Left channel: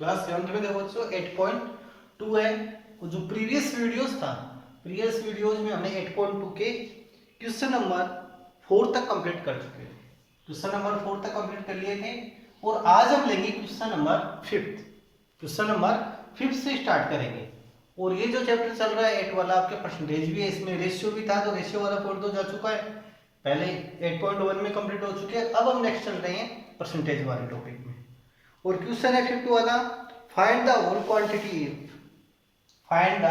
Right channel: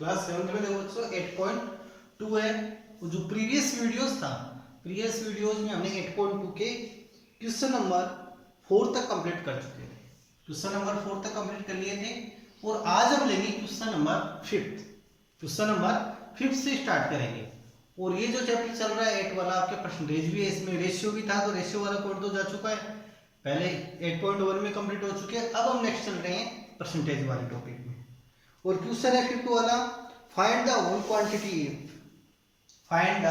Class 7 में देखो बच्चों 8.2 है। वो जो प्रीवियस वीडियोस में हमने 8.2 के क्वेश्चन नंबर 4 तक कंप्लीट कर चुके हैं। क्वेश्चन नंबर 4 तक कंप्लीट कर लिए थे और आज हम लेंगे क्वेश्चन नंबर 5 से स्टार्ट करेंगे। और ये जो चैप्टर चल रहा है 8 वाला आपके परसेंटेज भी है, इसमें रेशियो भी था, तो रेशियो वाला कोड तो जा चुका है, पहले 8.1 में कंप्लीट हो चुके हैं। अब हम नेक्स्ट चल रहे हैं परसेंटेज वाले टॉपिक में। और क्वेश्चन है 5 वाला, find the whole quantity find the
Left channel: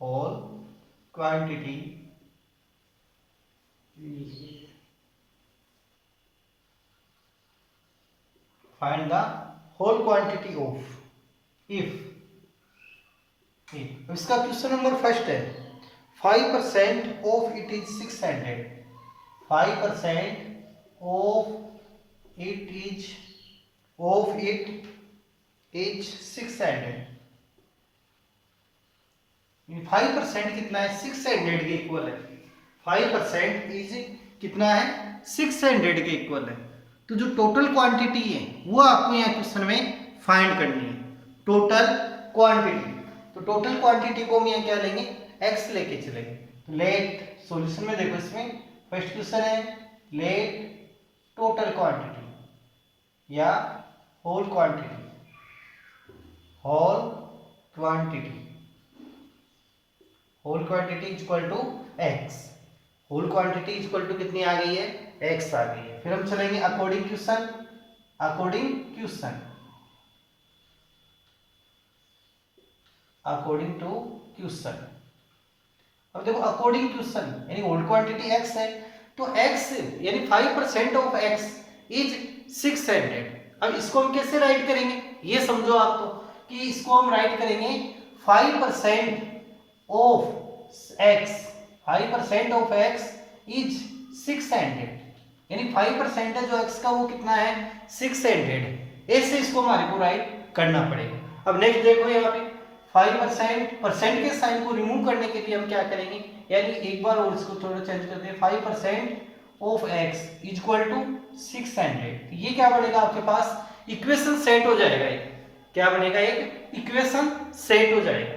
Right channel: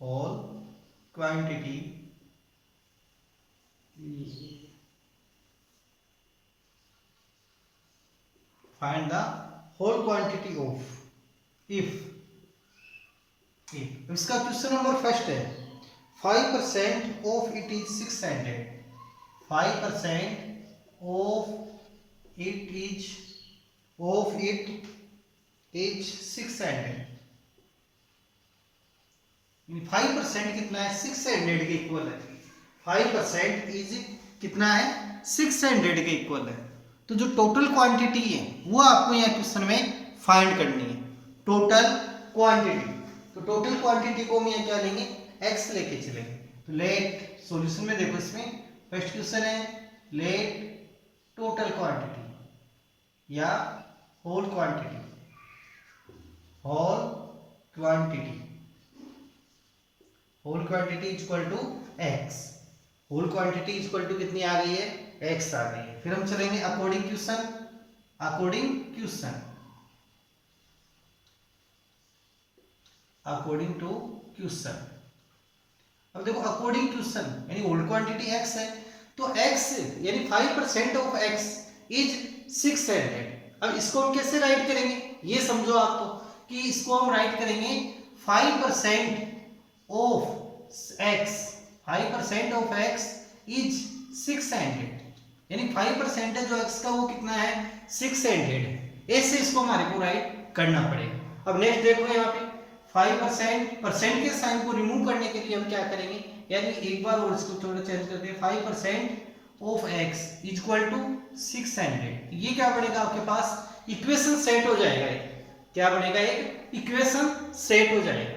whole quantity find the whole quantity of if इसका क्वेश्चन नंबर फर्स्ट है 5% of it is 600 5% of it is 600 5% कितना है 600 के इक्वल है 5% इज कितना है 600 के इक्वल है। तो जो टोटल क्वांटिटी है वो आपको यहाँ क्वेश्चन में फाइंड करनी है, टोटल क्वांटिटी। तो टोटल क्वांटिटी को हम यहाँ क्या लेंगे x लेके चलेंगे। तो लेट सॉल्यूशन में देखो, इसमें फर्स्ट क्वेश्चन है लेट टोटल क्वांटिटी या whole quantity equal to x। Whole quantity equal to कितनी आ गई है x आ गई है। फिर हम चलेंगे अकॉर्डिंग क्वेश्चन टू क्वेश्चन। अब देखो अकॉर्डिंग क्वेश्चन यानी होल क्वांटिटी x है, तो x यानी 5% ऑफ x इज 600। अब इसको हम कैसे राइट करेंगे ये समझो आप, तो कि इसको हम राइट करेंगे 5% ऑफ x इज 600, यानी 5% है जो x का वो कितना है 600। ऐसे इसको हमारे को राइट करना पड़ेगा। अब नेक्स्ट देखो यहाँ पे 5% के साइन को रिमूव करने के लिए हम क्या करेंगे, यानी एक बार और इसको थोड़ा चेंज करते हैं 5% ऑफ x इक्वल टू 600। ये क्या बनेगा आपके पास इक्वेशन सेट हो जाएगा। ये क्या बनेगा एक इक्वेशन सेट हो जाएगा।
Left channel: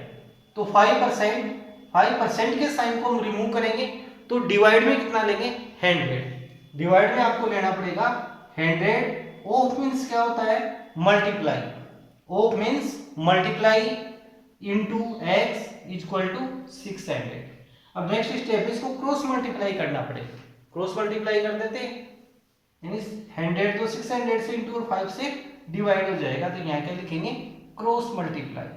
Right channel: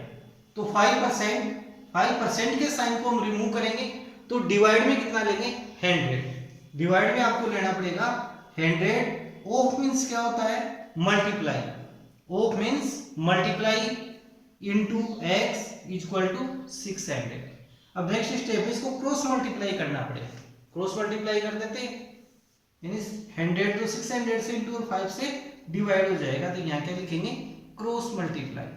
तो 5% के साइन को हम रिमूव करेंगे तो डिवाइड में कितना लेंगे 100। डिवाइड में आपको लेना पड़ेगा 100। ऑफ मींस क्या होता है multiply, of means multiply into x equal to 600। अब नेक्स्ट स्टेप इसको क्रॉस मल्टीप्लाई करना पड़ेगा। क्रॉस मल्टीप्लाई कर देते हैं, यानी 100 तो 600 से इनटू और 5 से डिवाइड हो जाएगा। तो यहाँ क्या लिखेंगे क्रॉस मल्टीप्लाई।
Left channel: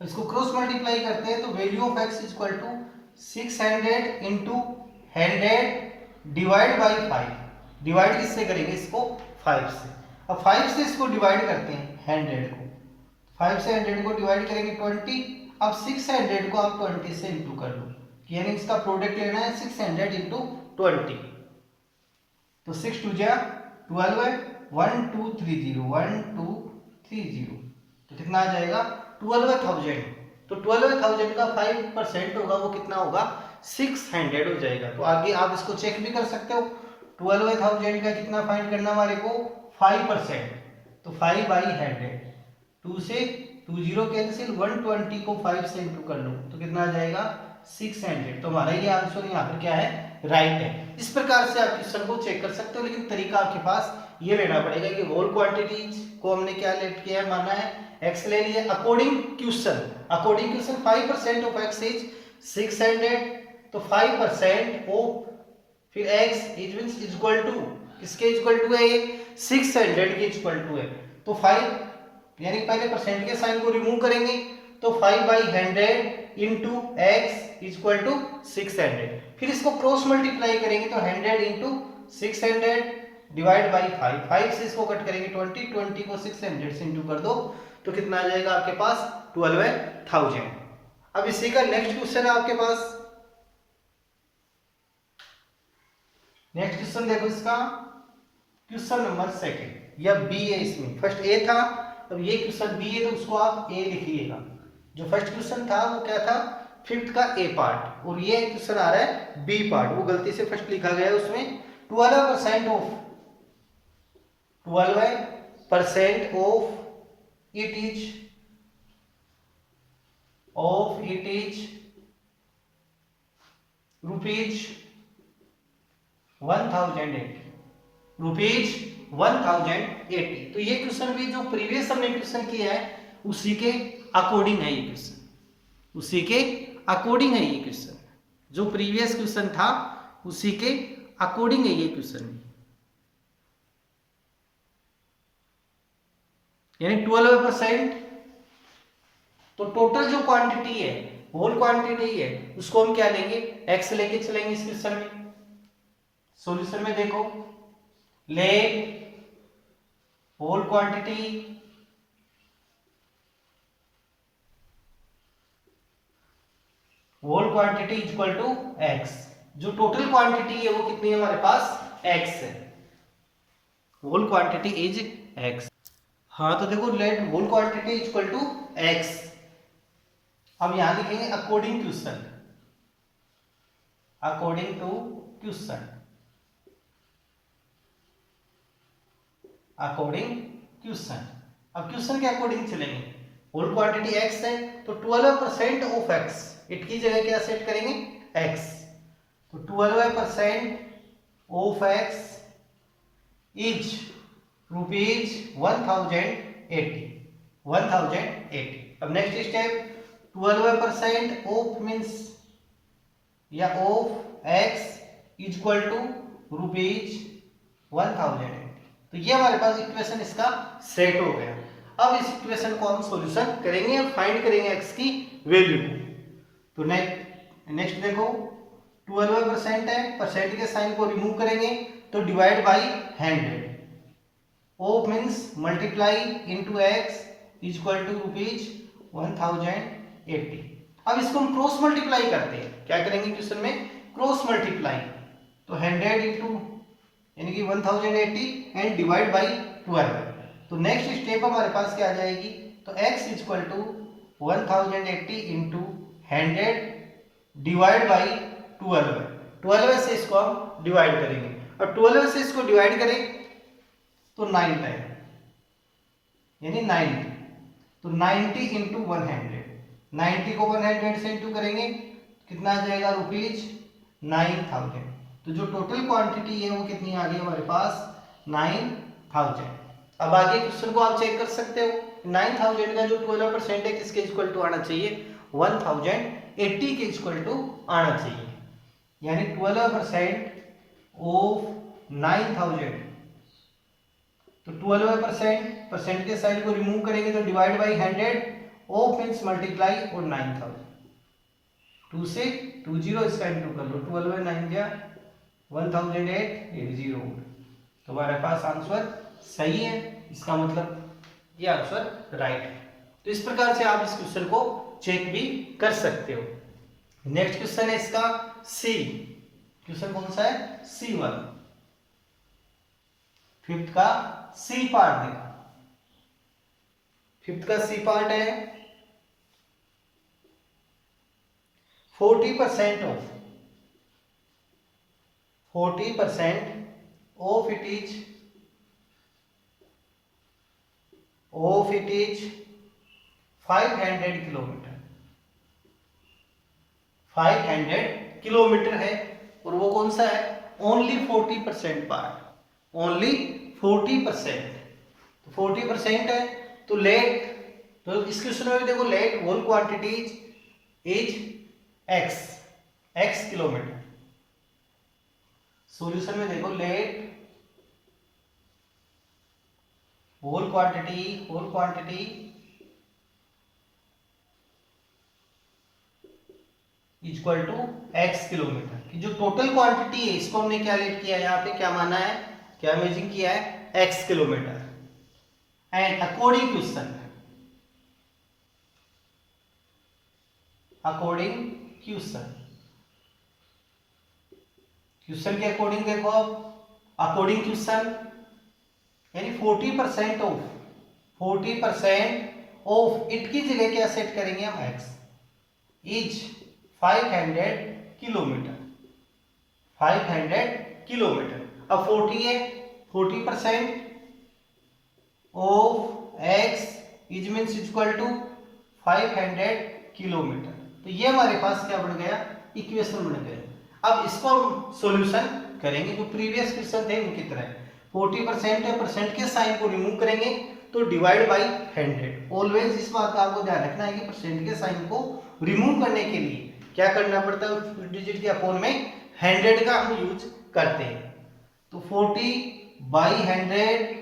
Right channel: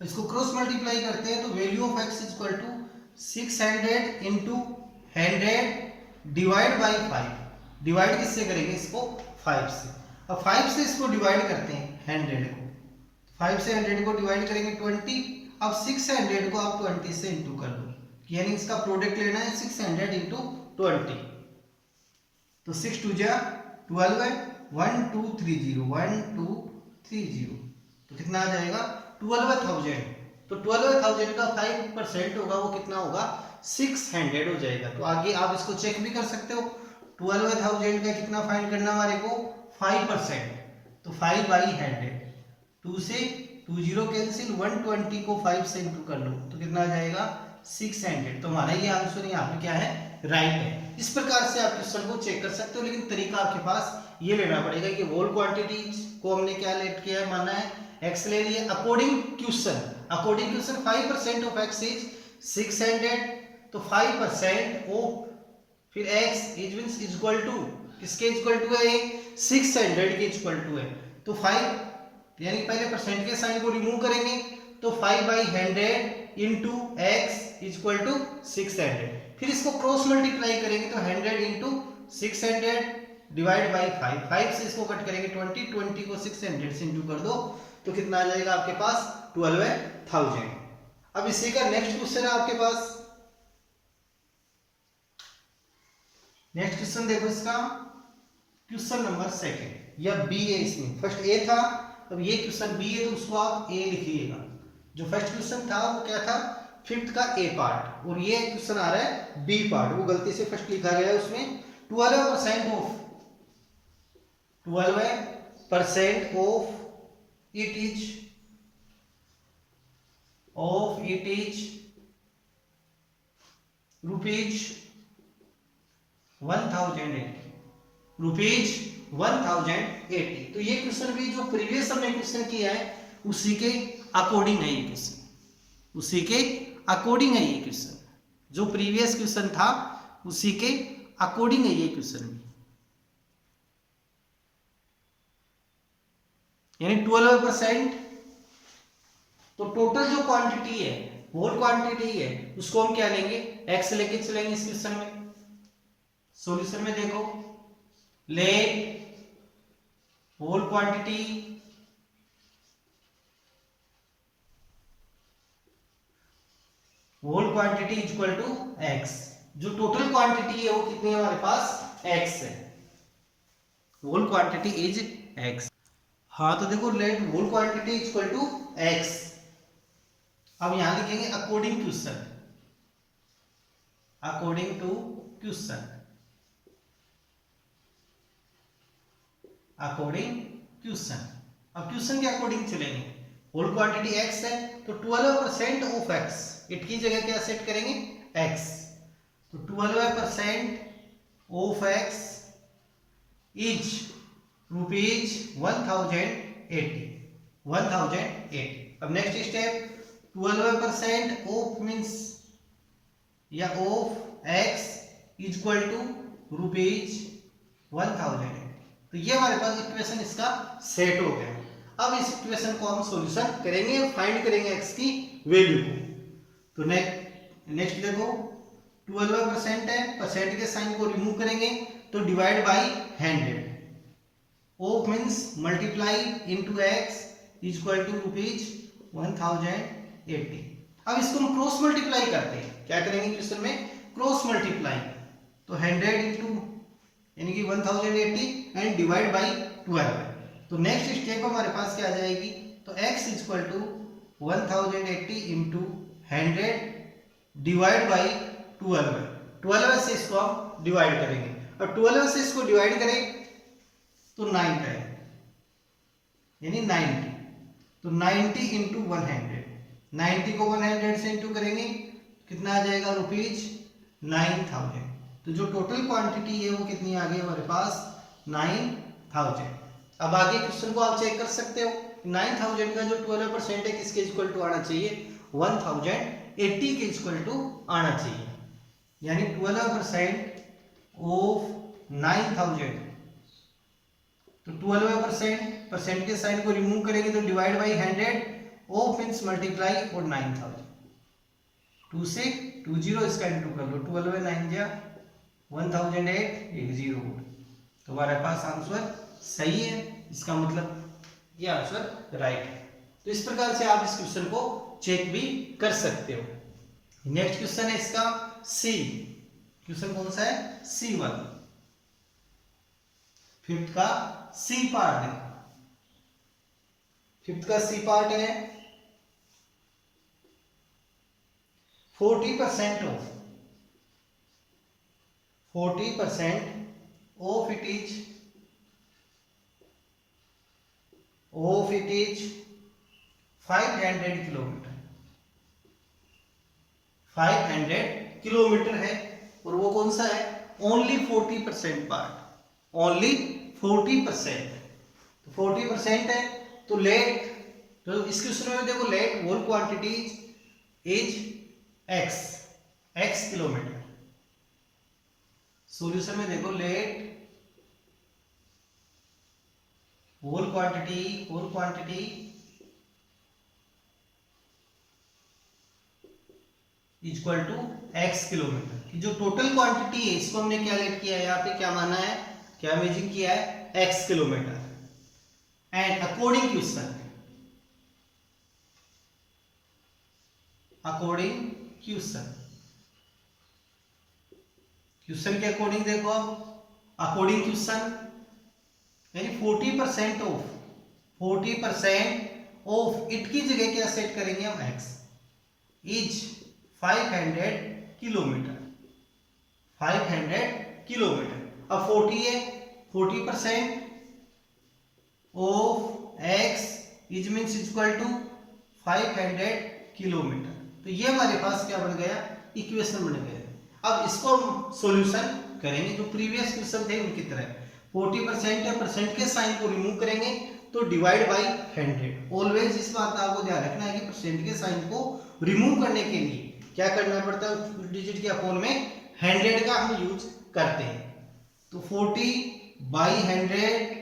इसको क्रॉस मल्टीप्लाई करते हैं तो value of x equal to 600 into 100 divide by 5। Divide किससे करेंगे इसको 5 से। अब 5 से इसको डिवाइड करते हैं 100 को, 5 से 100 को डिवाइड करेंगे 20। अब 600 को आप 20 से इंटू कर लो, यानी इसका प्रोडक्ट लेना है 600 इंटू 20। तो 6 2 जा 12 है 1230 तो कितना आ जाएगा 12,000। तो 12,000 का 5% होगा वो कितना होगा 600 हो जाएगा। तो आगे आप इसको चेक भी कर सकते हो। 12,000 का कितना फाइंड करना हमारे को 5%, तो 5 बाई 100, 2 से 20 कैंसिल, 120 को 5 से इंटू कर लो तो कितना आ जाएगा 600। तो हमारा ये आंसर यहाँ पर क्या है राइट है। इस प्रकार से आप क्वेश्चन को चेक कर सकते हो, लेकिन तरीका आपके पास ये लेना पड़ेगा कि होल क्वांटिटीज को हमने क्या लेट किया है, माना है x ले लिए। According question 5% of x is 600, तो 5% ऑफ फिर x is means equal to इसके इक्वल टू है ये 600 के इक्वल टू है। तो 5 यानी पहले परसेंट के साइन को रिमूव करेंगे तो 5 by 100 into x equal to 600। फिर इसको क्रॉस मल्टीप्लाई करेंगे तो 100 इंटू 600 डिवाइड बाई 5 से इसको कट करेंगे 20 को 600 से इंटू कर दो तो कितना आ जाएगा आपके पास 12,000। अब इसी का नेक्स्ट क्वेश्चन है आपके पास। नेक्स्ट क्वेश्चन देखो, इसका क्वेश्चन नंबर 2 या बी है। इसमें फर्स्ट ए था, अब ये क्वेश्चन बी है तो उसको आप ए लिखिएगा। जो फर्स्ट क्वेश्चन था वो क्या था फिफ्थ का ए पार्ट और ये क्वेश्चन आ रहा है बी पार्ट, वो गलती से फर्स्ट लिखा गया है उसमें 12% of 12% of it is rupees 1080 तो ये क्वेश्चन भी जो प्रीवियस हमने क्वेश्चन किया है उसी के अकॉर्डिंग है ये क्वेश्चन, उसी के अकॉर्डिंग है ये क्वेश्चन, जो प्रीवियस क्वेश्चन था उसी के अकॉर्डिंग है ये क्वेश्चन भी, यानी 12%। तो टोटल जो क्वांटिटी है, होल क्वांटिटी है, उसको हम क्या लेंगे, एक्स लेके चलेंगे इस क्वेश्चन में। सॉल्यूशन में देखो, let whole quantity is equal to X. जो टोटल क्वांटिटी है वो कितनी है हमारे पास, एक्स है, होल क्वांटिटी इज एक्स। हाँ तो देखो let whole quantity is equal to X. अब यहां लिखेंगे according question, according to question, according question. अब क्वेश्चन के अकॉर्डिंग चलेंगे, होल क्वांटिटी एक्स है तो 12% ऑफ एक्स, इट की जगह क्या सेट करेंगे, एक्स। तो 12% ऑफ एक्स इज रुपीज 1080। अब नेक्स्ट स्टेप, 12% ऑफ मीन्स या of X is equal to rupees 1080। तो ये हमारे पास इक्वेशन इसका सेट हो गया। अब इस इक्वेशन को हम सॉल्यूशन करेंगे और फाइंड करेंगे एक्स की वैल्यू। तो नेक्स्ट देखो 12% है, परसेंट के साइन को रिमूव करेंगे तो divide by 100, of means multiply into X is equal to rupees 1080। अब इसको हम क्रॉस मल्टीप्लाई करते हैं, क्या करेंगे क्वेश्चन में, क्रॉस मल्टीप्लाई। तो 100 इंटू यानी कि 1080 एंड डिवाइड बाई 12। तो नेक्स्ट स्टेप हमारे पास क्या आ जाएगी, तो x is equal to 1080 into 100 divide by 12 से इसको हम डिवाइड करेंगे, और 12 से इसको डिवाइड करें तो 9 है, यानी 90। तो 90 इंटू 100, 90 को 100 से इंटू करेंगे कितना आ जाएगा, रुपीज 9000। तो जो टोटल क्वांटिटी है वो कितनी आ गई हमारे पास, 9000। अब आगे क्वेश्चन को आप चेक कर सकते हो, 9000 का जो 12% है किसके इक्वल टू आना चाहिए, 1080 के इक्वल टू आना चाहिए, यानी 12% ऑफ 9000। तो 12% परसेंट के साइन को रिमूव करेंगे तो divide by 100, of means multiply और 9000, 2 से 20 इसका इंटू कर लो, 12 9 जा 1008, 0। तो हमारे पास आंसर सही है, इसका मतलब ये आंसर राइट है। तो इस प्रकार से आप इस क्वेश्चन को चेक भी कर सकते हो। नेक्स्ट क्वेश्चन है इसका सी, क्वेश्चन कौन सा है, C1, फिफ्थ का सी पार्ट देखा, फिफ्थ का सी पार्ट है 40% of it is 500 kilometre, 500 kilometre है, और वो कौन सा है, ओनली 40% पार्ट, ओनली 40%। 40% है तो लेट, तो इस क्वेश्चन में देखो let whole quantity is x kilometre. Solution में देखो let whole quantity equal to x kilometre. जो टोटल क्वांटिटी है इसको हमने क्या लेट किया है, यहाँ पे क्या माना है, क्या इमेजिन किया है, x kilometre. And according question के अकॉर्डिंग देखो आप, अकॉर्डिंग क्वेश्चन यानी 40% ऑफ इट की जगह क्या सेट करेंगे हम, x इज 500 किलोमीटर, 500 किलोमीटर। अब 40 है, 40% of x is means equal to 500 kilometre. तो ये हमारे पास क्या बन गया, इक्वेशन बन गया। अब इसको हम सॉल्यूशन करेंगे जो प्रीवियस क्वेश्चन थे उनकी तरह। 40% या परसेंट के साइन को रिमूव करेंगे तो डिवाइड बाई 100। ऑलवेज इस बात का आपको ध्यान रखना है कि परसेंट के साइन को रिमूव करने के लिए क्या करना पड़ता है, उस डिजिट के अपोन में 100 का हम यूज करते हैं। तो 40/100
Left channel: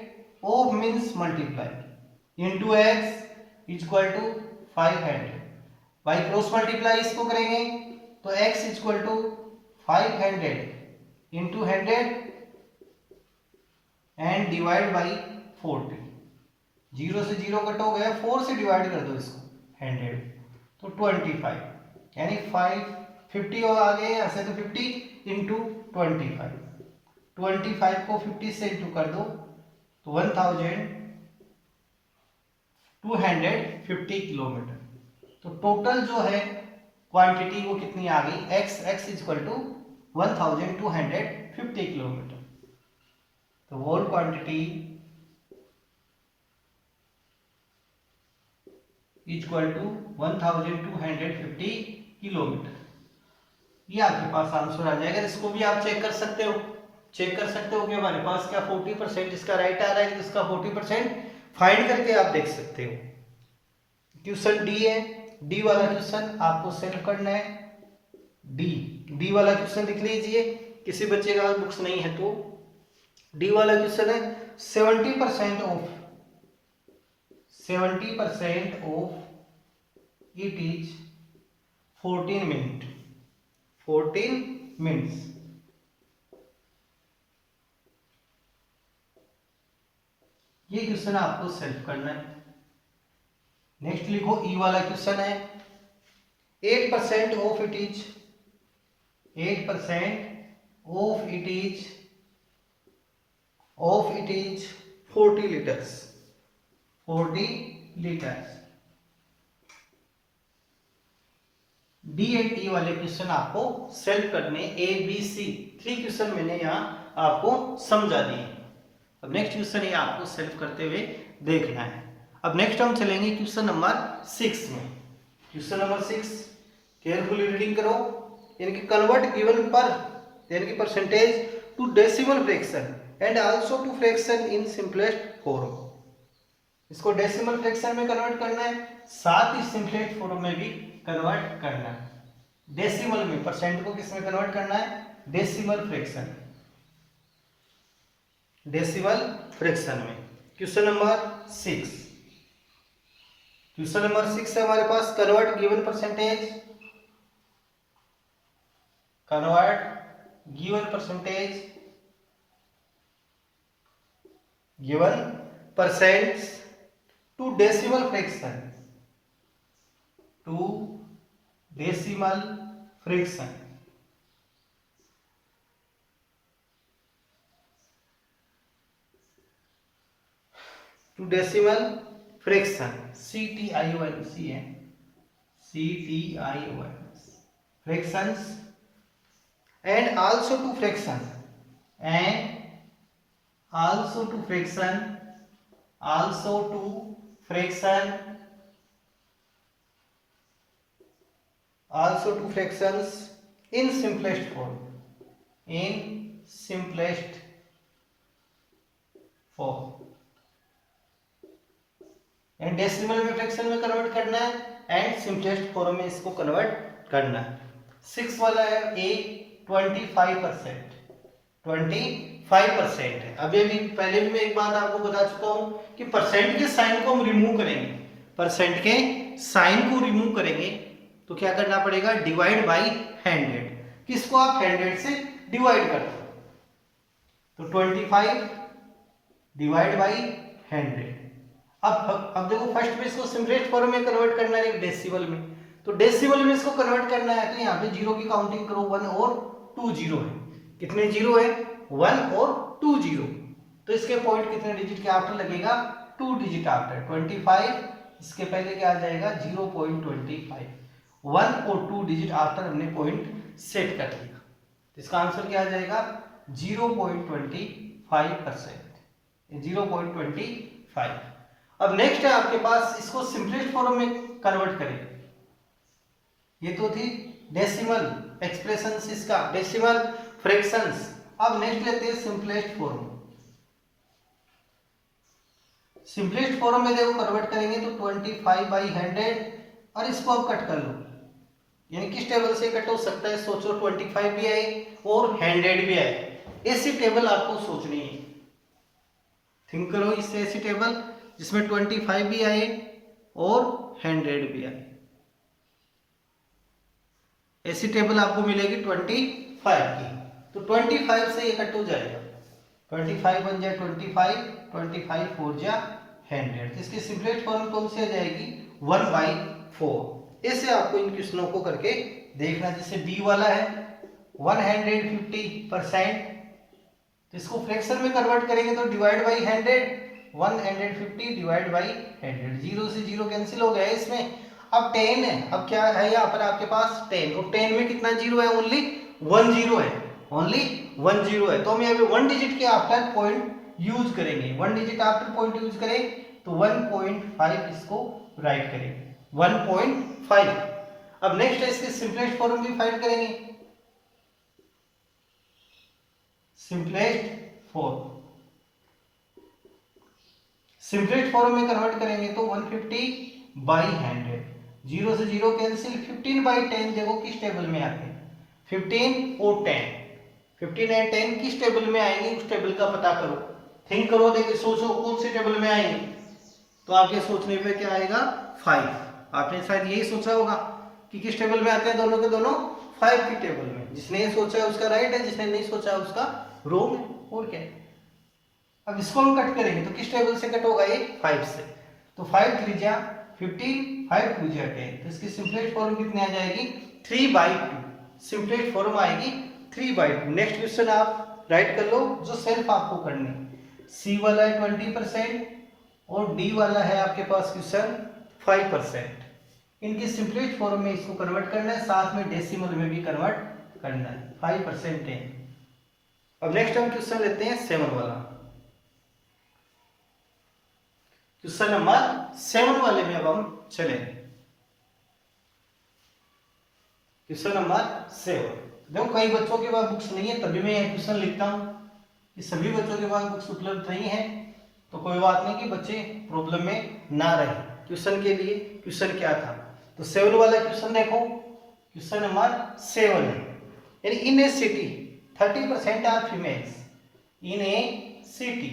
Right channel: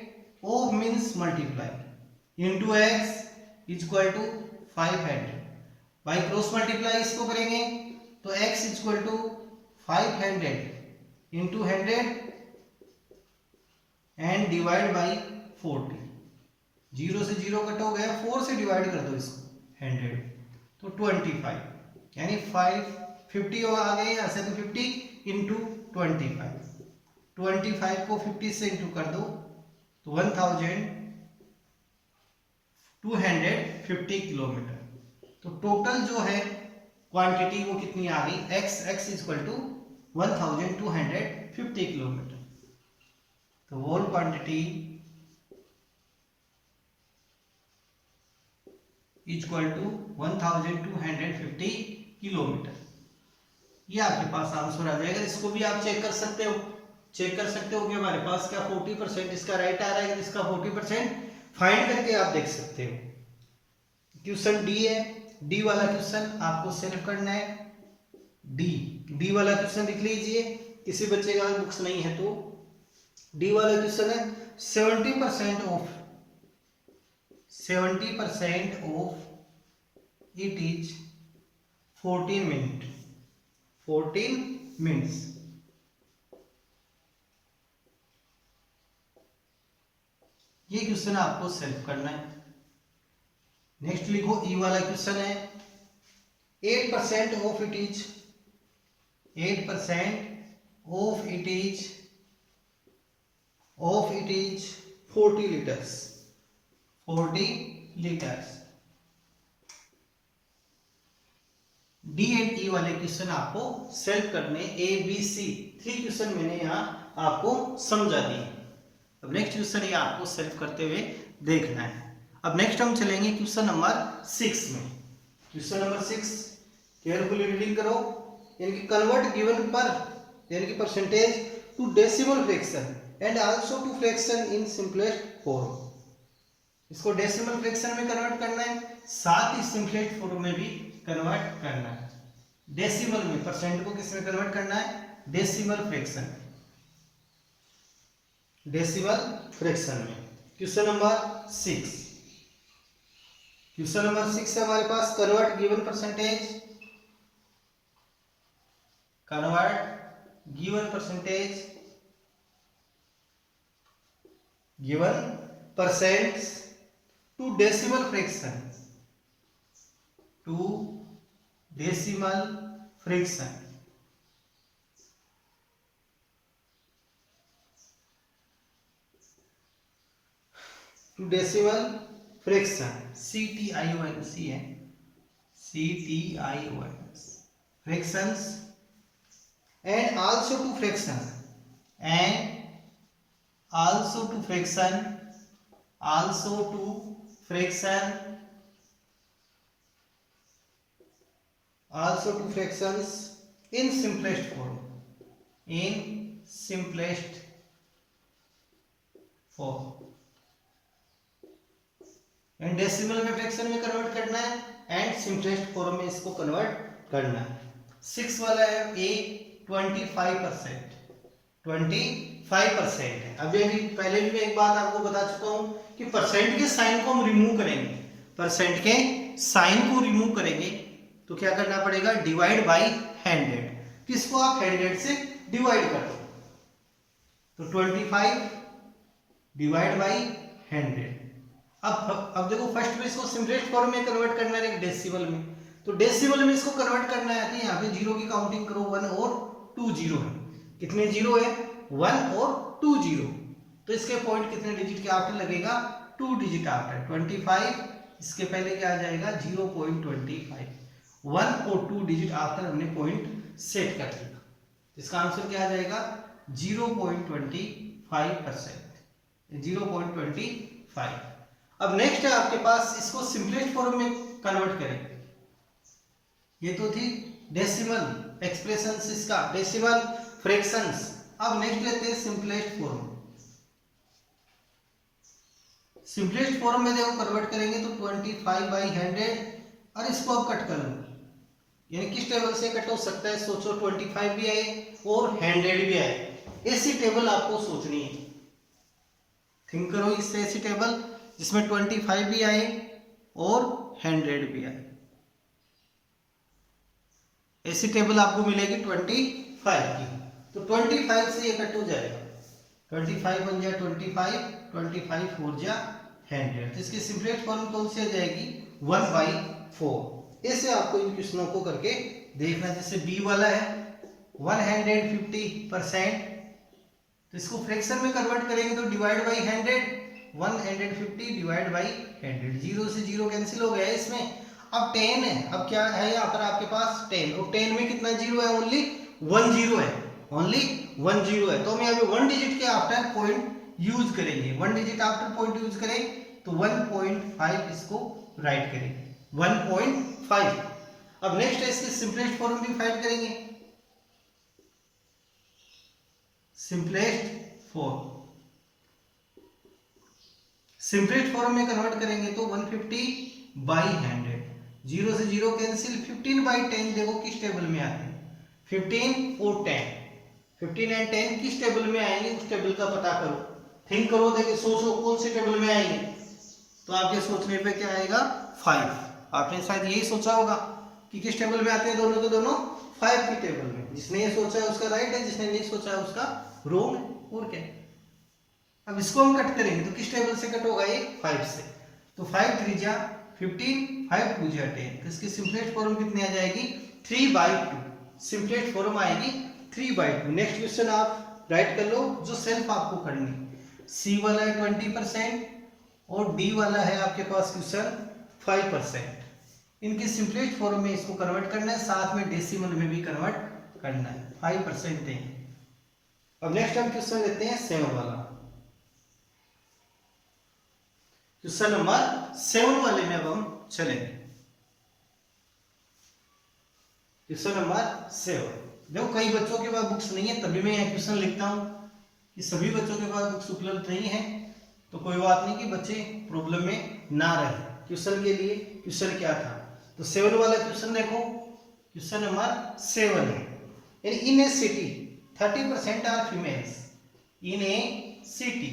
of means multiply into X equal to 500 by cross multiply इसको करेंगे तो x equal to 500 into 100 and divide by 40। 0 से 0 कट हो गया, 4 से डिवाइड कर दो इसको 100 तो 25 यानी 50 होगा आगे यहाँ से तो 50 इंटू 25 को 50 से इंटू कर दो तो 1250 किलोमीटर। तो टोटल जो है क्वांटिटी वो कितनी आ गई, x इक्वल टू 1250 किलोमीटर। तो whole quantity equal to 1250 kilometre. ये आपके पास आंसर आ जाएगा। इसको भी आप चेक कर सकते हो, कि हमारे पास क्या 40% इसका राइट आ रहा है, इसका 40% फाइंड करके आप देख सकते हो। क्वेश्चन डी है, डी वाला क्वेश्चन आपको सॉल्व करना है। डी वाला क्वेश्चन लिख लीजिए, किसी बच्चे का बुक्स नहीं है तो डी वाला क्वेश्चन है 70% ऑफ इट इज 14 मिनट्स। ये क्वेश्चन आपको सॉल्व करना है। नेक्स्ट लिखो ई वाला क्वेश्चन है 8% of it is 40 litres. D and E वाले क्वेश्चन आपको सॉल्व करने, ए बी सी 3 क्वेश्चन मैंने यहाँ आपको समझा दिए। अब नेक्स्ट क्वेश्चन ये आपको सॉल्व करते हुए देखना है। अब नेक्स्ट हम चलेंगे क्वेश्चन नंबर 6 में। क्वेश्चन नंबर 6 केयरफुली रीडिंग करो। इनकी कन्वर्ट गिवन पर यानी कि percentage to decimal fraction and also to fraction in simplest form. इसको डेसिमल फ्रैक्शन में कन्वर्ट करना है, साथ ही सिंपलेस्ट फॉर्म में भी कन्वर्ट करना है। डेसिमल में परसेंट को किस में कन्वर्ट करना है, डेसिमल फ्रैक्शन में। क्वेश्चन नंबर 6 है हमारे पास convert given percentage to decimal fraction CTIONC है, fractions and also to fraction fractions in simplest form and decimal में फ्रैक्शन में कन्वर्ट करना है एंड सिंपलेस्ट फॉर्म में इसको कन्वर्ट करना है। 6 वाला है ए 25% है। अभी भी पहले भी मैं एक बात आपको बता चुका हूं कि परसेंट के साइन को हम रिमूव करेंगे, तो क्या करना पड़ेगा, डिवाइड बाई 100। किसको आप 100 से डिवाइड कर दो तो 25 डिवाइड बाई 100। अब देखो फर्स्ट में इसको सिंपलेस्ट फॉर्म में कन्वर्ट करना है डेसिमल में, तो डेसिमल में इसको कन्वर्ट करना है तो यहाँ पे जीरो की काउंटिंग करो, 1 और 2 जीरो है। कितने जीरो है, 1 और 2 जीरो। तो इसके पॉइंट कितने डिजिट के आफ्टर लगेगा, 2 डिजिट आफ्टर। 25 इसके पहले क्या आ जाएगा 0.25 1 और 2 डिजिट आफ्टर हमने पॉइंट सेट कर दिया। इसका आंसर क्या आ जाएगा 0.25%, 0.25। अब नेक्स्ट है आपके पास, इसको सिंपलेस्ट फॉर्म में कन्वर्ट करेंगे। ये तो थी डेसिमल एक्सप्रेशंस, इसका डेसिमल फ्रैक्शंस। अब नेक्स्ट लेते हैं सिंपलेस्ट फॉर्म। सिंपलेस्ट फॉर्म में देखो कन्वर्ट करेंगे तो 25/100, और इसको अब कट कर लो, यानी किस टेबल से कट हो सकता है सोचो, 25 भी आए और 100 भी आए, ऐसी टेबल आपको सोचनी है। थिंक करो इससे, ऐसी टेबल जिसमें 25 भी आए और 100 भी आए, ऐसी टेबल आपको मिलेगी 25 की। तो 25 से ये कट हो जाएगा, 25 बन जाए 25, 25 4 जा 100। तो इसकी सिंपलेस्ट फॉर्म कौन सी आ जाएगी 1/4। ऐसे आपको इन क्वेश्चनों को करके देखना। जैसे बी वाला है 150%, तो इसको फ्रैक्शन में कन्वर्ट करेंगे तो डिवाइड बाई 100, 150 डिवाइड बाई 100, 0 से 0 कैंसिल हो गया इसमें। अब 10 है, अब क्या है यहाँ पर आपके पास 10, और 10 में कितना जीरो है, ओनली 1 जीरो है, ओनली 1 जीरो है। तो हम यहाँ पे 1 डिजिट के आफ्टर पॉइंट यूज करेंगे, 1 डिजिट आफ्टर पॉइंट यूज करें तो 1.5 इसको राइट करेंगे, 1.5। अब नेक्स्ट है इसके सिंपलेस्ट फॉर्म भी फाइंड करेंगे। सिंपलेस्ट फॉर्म में कन्वर्ट करेंगे तो 150/100, 0 से 0 कैंसिल, 15/10 देखो किस टेबल में आते हैं, 15 और 10, 15 एंड 10 किस टेबल में आएंगे, उस टेबल का पता करो, थिंक करो, देखिए सोचो कौन सी टेबल में आएंगे। तो आपके सोचने पे क्या आएगा 5। आपने शायद यही सोचा होगा कि किस टेबल में आते हैं, दोनों के दोनों 5 की टेबल में। जिसने ये सोचा है उसका राइट है, जिसने नहीं सोचा है उसका रॉन्ग है, और क्या। अब इसको हम कट करेंगे तो किस टेबल से कट होगा, ये 5 से। तो 5 3 जा 15, 5 2 जा 10, तो इसकी सिंपलेस्ट फॉर्म कितनी आ जाएगी 3/2, सिंपलेस्ट फॉर्म आएगी 3/2। नेक्स्ट क्वेश्चन आप राइट कर लो, जो सेल्फ आपको करनी। सी वाला है 20% और डी वाला है आपके पास क्वेश्चन 5%। इनके सिंपलेस्ट फॉर्म में इसको कन्वर्ट करना है, साथ में डेसिमल में भी कन्वर्ट करना है, 5% दें। अब नेक्स्ट हम क्वेश्चन लेते हैं 7 वाला। क्वेश्चन नंबर 7 वाले में अब हम चलेंगे। क्वेश्चन नंबर 7, देखो कई बच्चों के पास बुक्स नहीं है, तभी मैं यह क्वेश्चन लिखता हूं कि सभी बच्चों के पास बुक्स उपलब्ध नहीं है, तो कोई बात नहीं कि बच्चे प्रॉब्लम में ना रहे। क्वेश्चन के लिए क्वेश्चन क्या था, तो 7 वाला क्वेश्चन देखो, क्वेश्चन नंबर 7 है, यानी in a city 30% are females, in a city,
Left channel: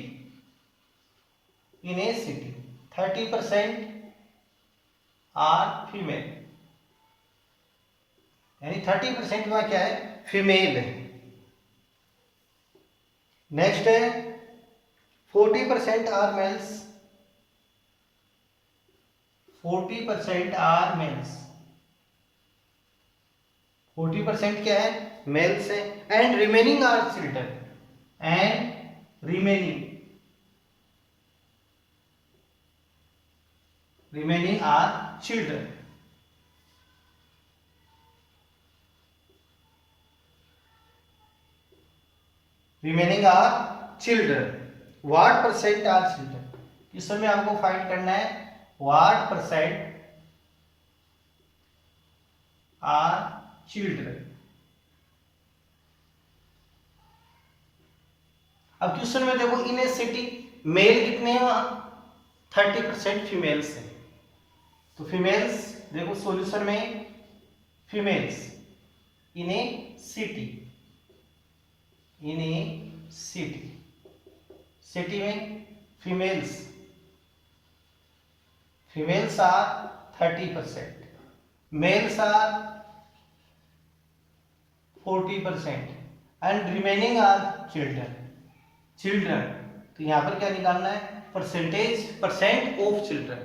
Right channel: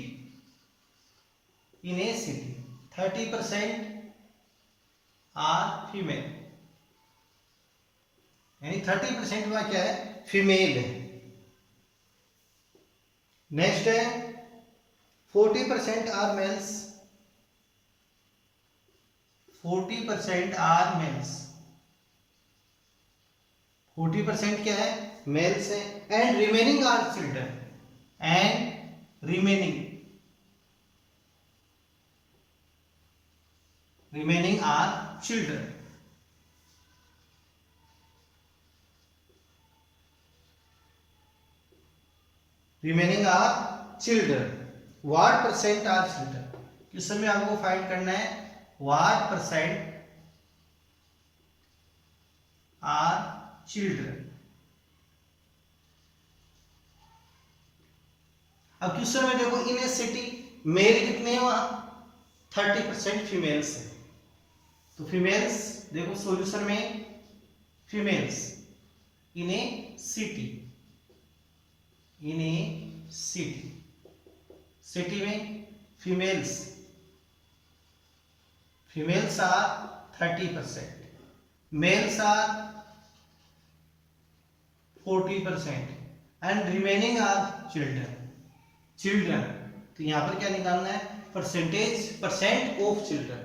in a city 30% are female, यानी 30% में क्या है फीमेल है। नेक्स्ट है 40% आर मेल्स, 40% आर मेल्स, 40% क्या है मेल्स है, and remaining are children, and remaining are children. Remaining are children, what percent are children. इस समय आपको फाइंड करना है व्हाट परसेंट आर चिल्ड्रन। अब क्वेश्चन में देखो इन ए सिटी मेल कितने हैं वहां 30%, फीमेल्स है, तो फीमेल्स देखो सॉल्यूशन में females in a city, in a city, city में females, females are 30%, males are 40% and remaining are children, children. तो यहां पर क्या निकालना है percentage, percent of children,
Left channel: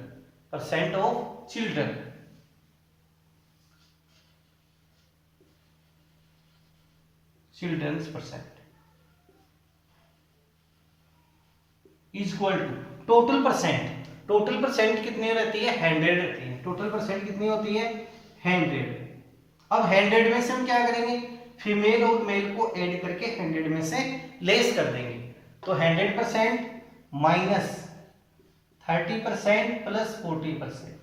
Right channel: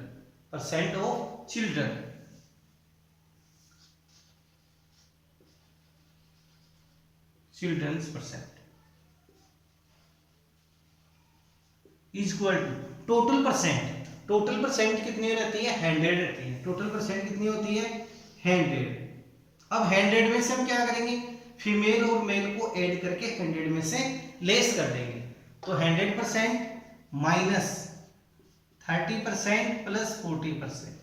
percent of children, children's percent is equal to total percent. Total percent कितनी रहती है 100 रहती है, टोटल परसेंट कितनी होती है 100। अब 100 में से हम क्या करेंगे, फीमेल और मेल को ऐड करके 100 में से लेस कर देंगे। तो 100% माइनस 30% प्लस 40%,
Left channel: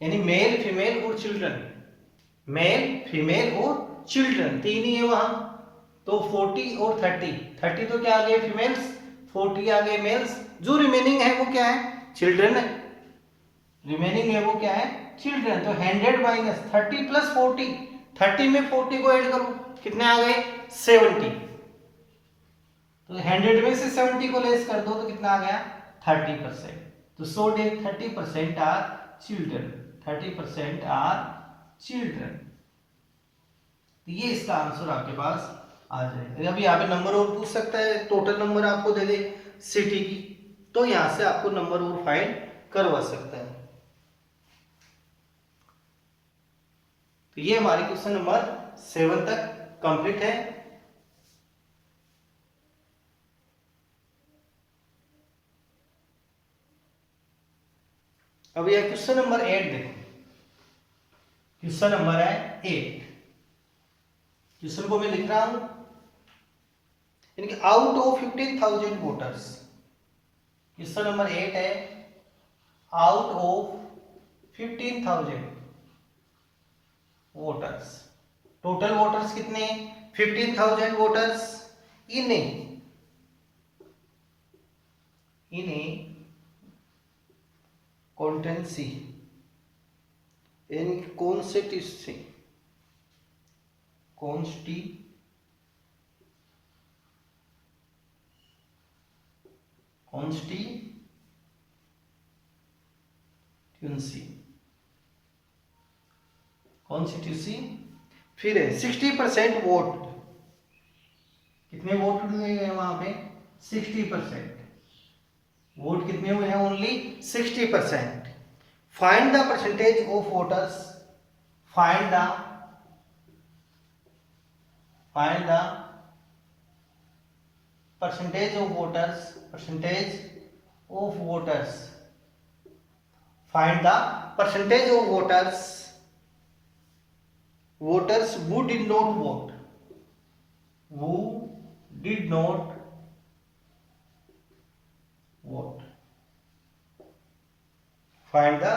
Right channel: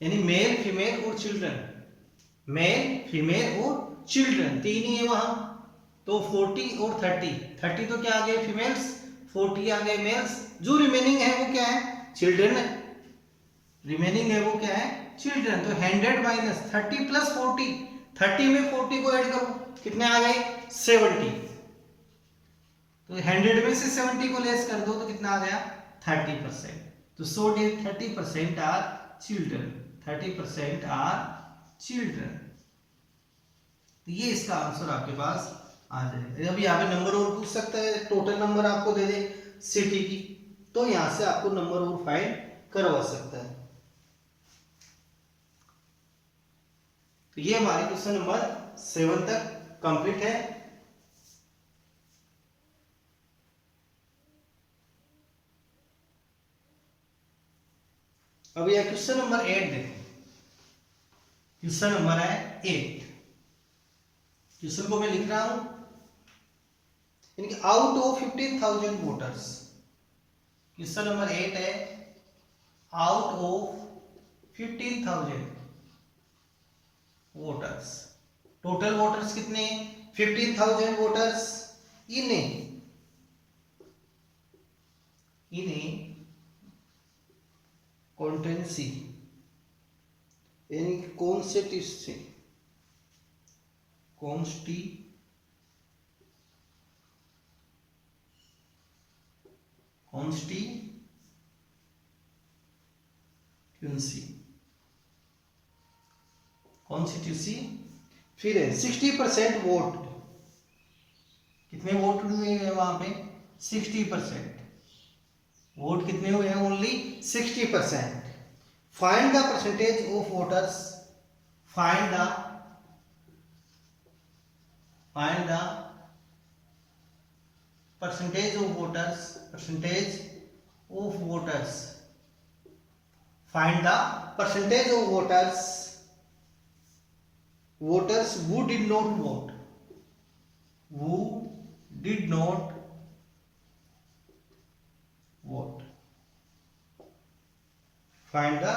यानी मेल फीमेल और चिल्ड्रन, मेल फीमेल और चिल्ड्रन तीन ही है वहां। तो 40 और 30 तो क्या आ गए फीमेल्स, 40 आ गए मेल्स, जो रिमेनिंग है वो क्या है, चिल्ड्रन है। रिमेनिंग है वो क्या है, चिल्ड्रन। तो 100 माइनस 30 प्लस 40, 30 में 40 को ऐड करो, कितने आ गए 70। तो 100 में से 70 को लेस कर दो तो कितना आ गया 30%। तो so they 30% are children, 30% are children. तो ये इसका आंसर आपके पास आ जाएगा। अभी यहाँ पे नंबर और पूछ सकता है, टोटल नंबर आपको दे दे सिटी की, तो यहां से आपको नंबर और फाइंड करवा सकता है। तो ये हमारे क्वेश्चन नंबर 7 तक कंप्लीट है। अब ये क्वेश्चन नंबर 8 देखो। क्वेश्चन नंबर है 8। क्वेश्चन को मैं लिख रहा हूं, यानी out of 15,000 voters. Question number 8 है, out of 15,000 voters, total voters कितने, 15,000 वोटर्स इन कॉन्स्टिट्यूंसी, यानी कॉन्स्टिट्यूंसी, कॉन्स्टिट्यूंसी फिर है 60% वोट, कितने वोट हुए हैं वहां पे 60%, वोट कितने हुए हैं only 60%। Find the percentage of voters, find the percentage of voters, find the percentage of voters who did not vote, find the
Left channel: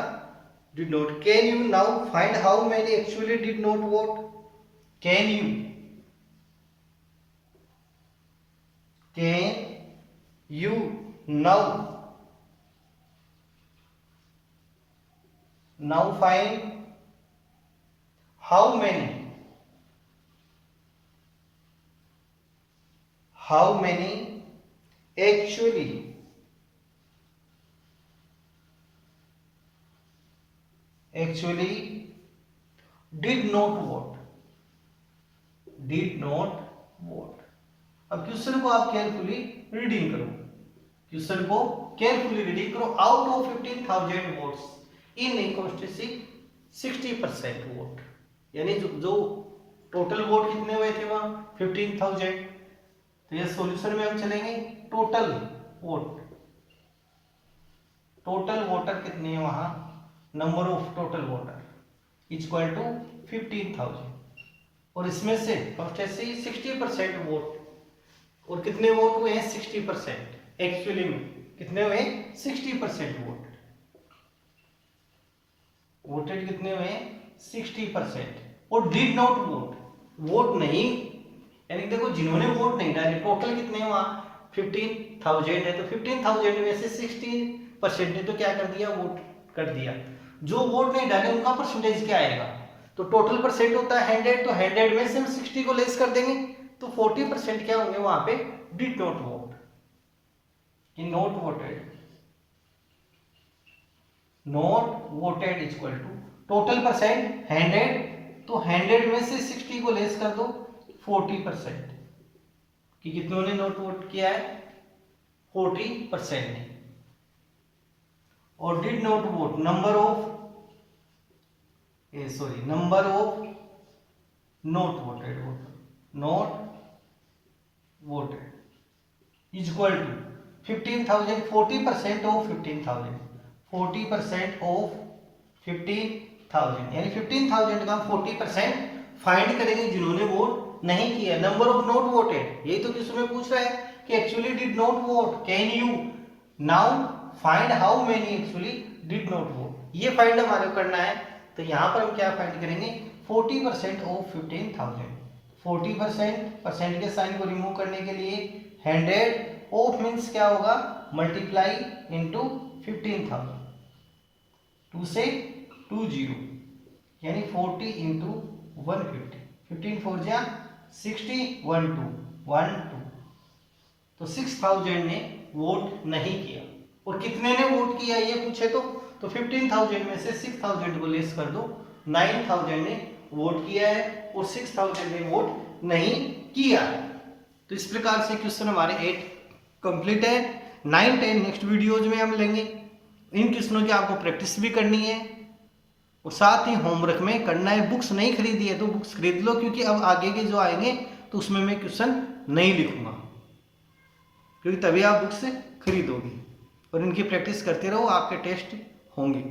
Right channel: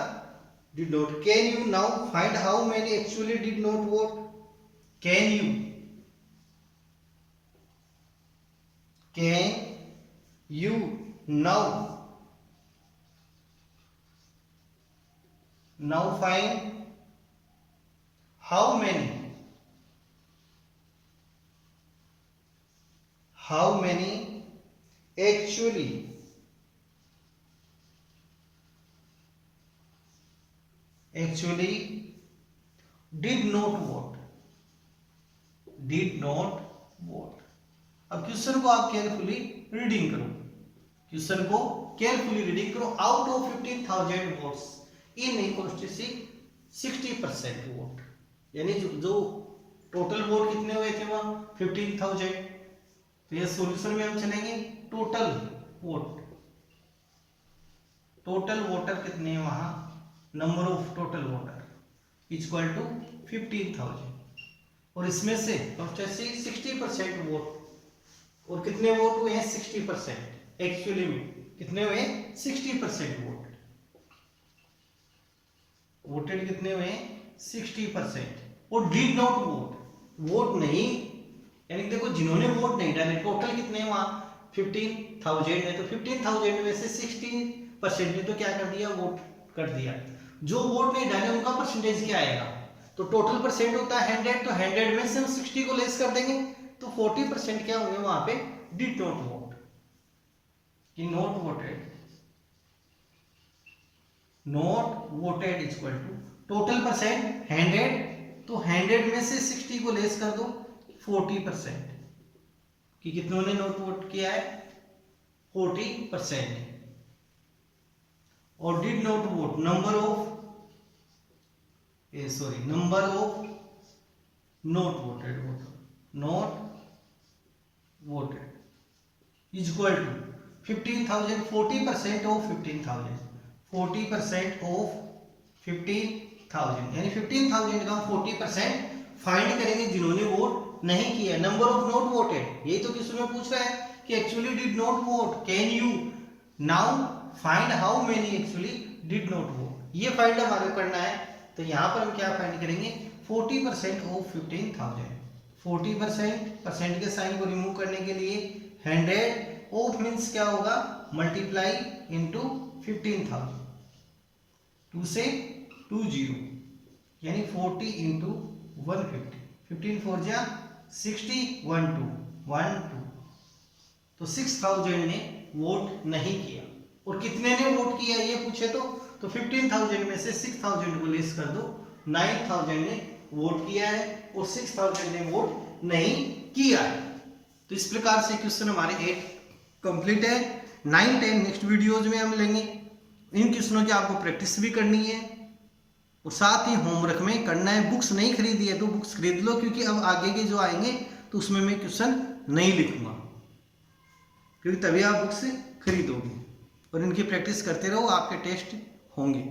did not. Can you now find how many actually did not vote? Can you now find how many actually did not vote? अब question को आप carefully reading करो, out of 15,000 votes in constituency 60% vote, यानी जो total vote कितने हुए थे वहां 15,000। तो ये सॉल्यूशन में हम चलेंगे, टोटल वोटर कितने हैं वहां, number of total voter equal to 15,000, और इसमें से कॉन्स्टिट्यूंसी 60% वोट, और कितने वोट हुए हैं 60%, एक्चुअली में कितने हुए 60% वोटेड कितने हुए 60%, और डिड नॉट वोट नहीं, यानी देखो जिन्होंने वोट नहीं डाले, टोटल कितने हैं वहां 15,000 है, तो 15,000 में से 60% ने तो क्या कर दिया, वोट कर दिया। जो वोट नहीं डाले उनका परसेंटेज क्या आएगा, तो टोटल परसेंट होता है 100, तो 100 में से हम 60 को लेस कर देंगे, तो 40% क्या होंगे वहां पे डिड नॉट वोट, कि not voted equal to total percent 100, तो 100 में से 60 को लेस कर दो 40%, कि कितनों ने नॉट वोट किया है 40%, और did not vote number of not voted equal to 15,000, 40% of 15,000, 40% of 15,000 15,000, यानी 15,000 का हम 40% फाइंड करेंगे जिन्होंने वोट नहीं किया। नंबर ऑफ नॉट वोटेड, यही तो क्वेश्चन में पूछ रहा है कि actually did not vote, can you now find how many actually did not vote, ये फाइंड हमारे करना है। तो यहाँ पर हम क्या फाइंड करेंगे, 40% ऑफ 15,000, 40% परसेंट के साइन को रिमूव करने के लिए 100 ऑफ मीन्स क्या होगा, मल्टीप्लाई इनटू 15,000, 2 से 20, यानी 40 इंटू 150, 15 4 जा 60, 1 2, तो 6,000 ने वोट नहीं किया। और कितने ने वोट किया ये पूछे तो 15,000 में से 6,000 को लेस कर दो, 9,000 ने वोट किया है और 6,000 ने वोट नहीं किया है। तो इस प्रकार से क्वेश्चन हमारे 8 कंप्लीट है। 9 10 नेक्स्ट वीडियोज में हम लेंगे। इन क्वेश्चनों की आपको प्रैक्टिस भी करनी है और साथ ही होमवर्क में करना है। बुक्स नहीं खरीदी है तो बुक्स खरीद लो, क्योंकि अब आगे के जो आएंगे तो उसमें मैं क्वेश्चन नहीं लिखूंगा, क्योंकि तभी आप बुक्स खरीदोगे। और इनकी प्रैक्टिस करते रहो, आपके टेस्ट होंगे।